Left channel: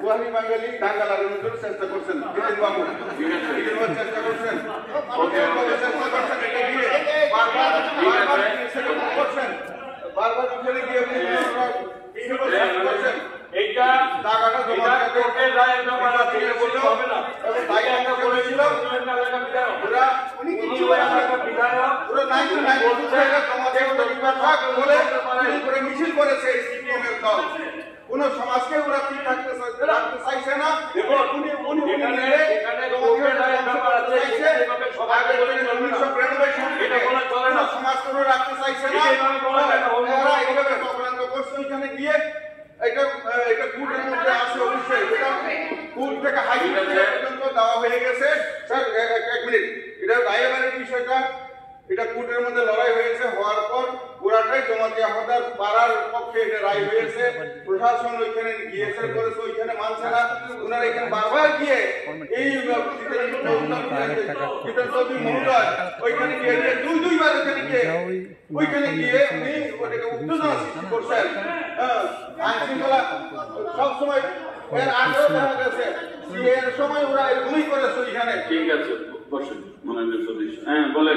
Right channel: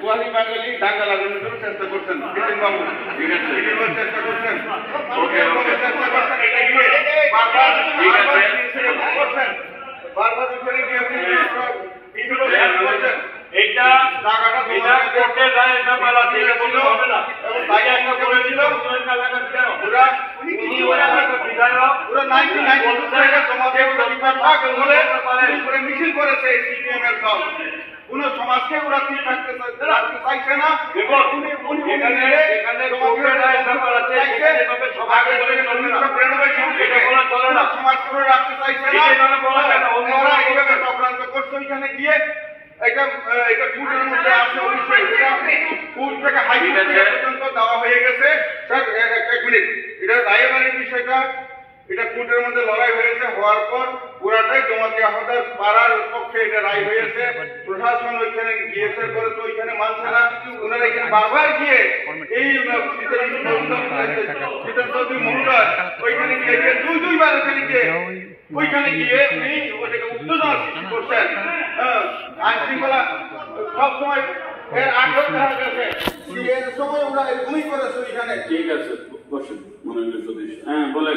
গুয়াহাটি বাঙালি ঢাকা লাগানোর জন্য চেষ্টা করছেন জিতেন বাবু, চেষ্টা করছেন, চেষ্টা করছেন, এটা গিয়ে বারবার করছেন, বারবার ওখানে গিয়ে করছেন। এইটা টাকাটা এটা কোর্টের রায়ের ব্যাপার আছে, এটা বলতে হবে না। এবং ভাই একটা বলেছিল ওরা উনি কিছু বিধায়ক ওরা 99 থেকে তোমাদের পরিবার থাক বলে করে মিছিল করেছে সিপিএম এর দল। কোন সমাজকে ওরা ঠিক রাখতে চাইছে না এবং উনি এখানে কোর্টের রায়ের ব্যাপার আছে, এইভাবে সবাই থেকে 1993 এটা বলা চলে না, সমাজ করে রাখতে চাইছে না, এইভাবে বলা যায় না। ওরা এইভাবে চক্রান্ত করছে। ওইখানে গিয়ে এটা কোর্টের মধ্যে আছে, অবশ্যই এটা কোর্ট থেকে হাইকোর্ট পর্যন্ত দেওয়া হয়ে গেছে। স্যার এক মিনিট, এটা রায়বাড়ির বিষয়টা এটা কোর্টের মধ্যে লড়াই হয়েছে, হওয়ার পর পুরাটাই জমাতে আহ্বাদের পাড়ার পক্ষে এটা রায় হয়েছে। প্রশাসন ওইখানে গিয়েছে করেছে, ওইখানে মানছে না। ওনারা এখানে বারবার গিয়ে এই মহোদয় ওইখানে গিয়ে দুইবার ওখানে গিয়ে উনি ওটাকে উত্তেজনা সৃষ্টি করছেন। আইন শৃঙ্খলা সবসময় এর আগেও দেখা গেছে এর সময় ওরা এরকমই করেছে ওইখানে। ঠিক আছে, বসুন মাননীয় সদস্য। হ্যাঁ বলে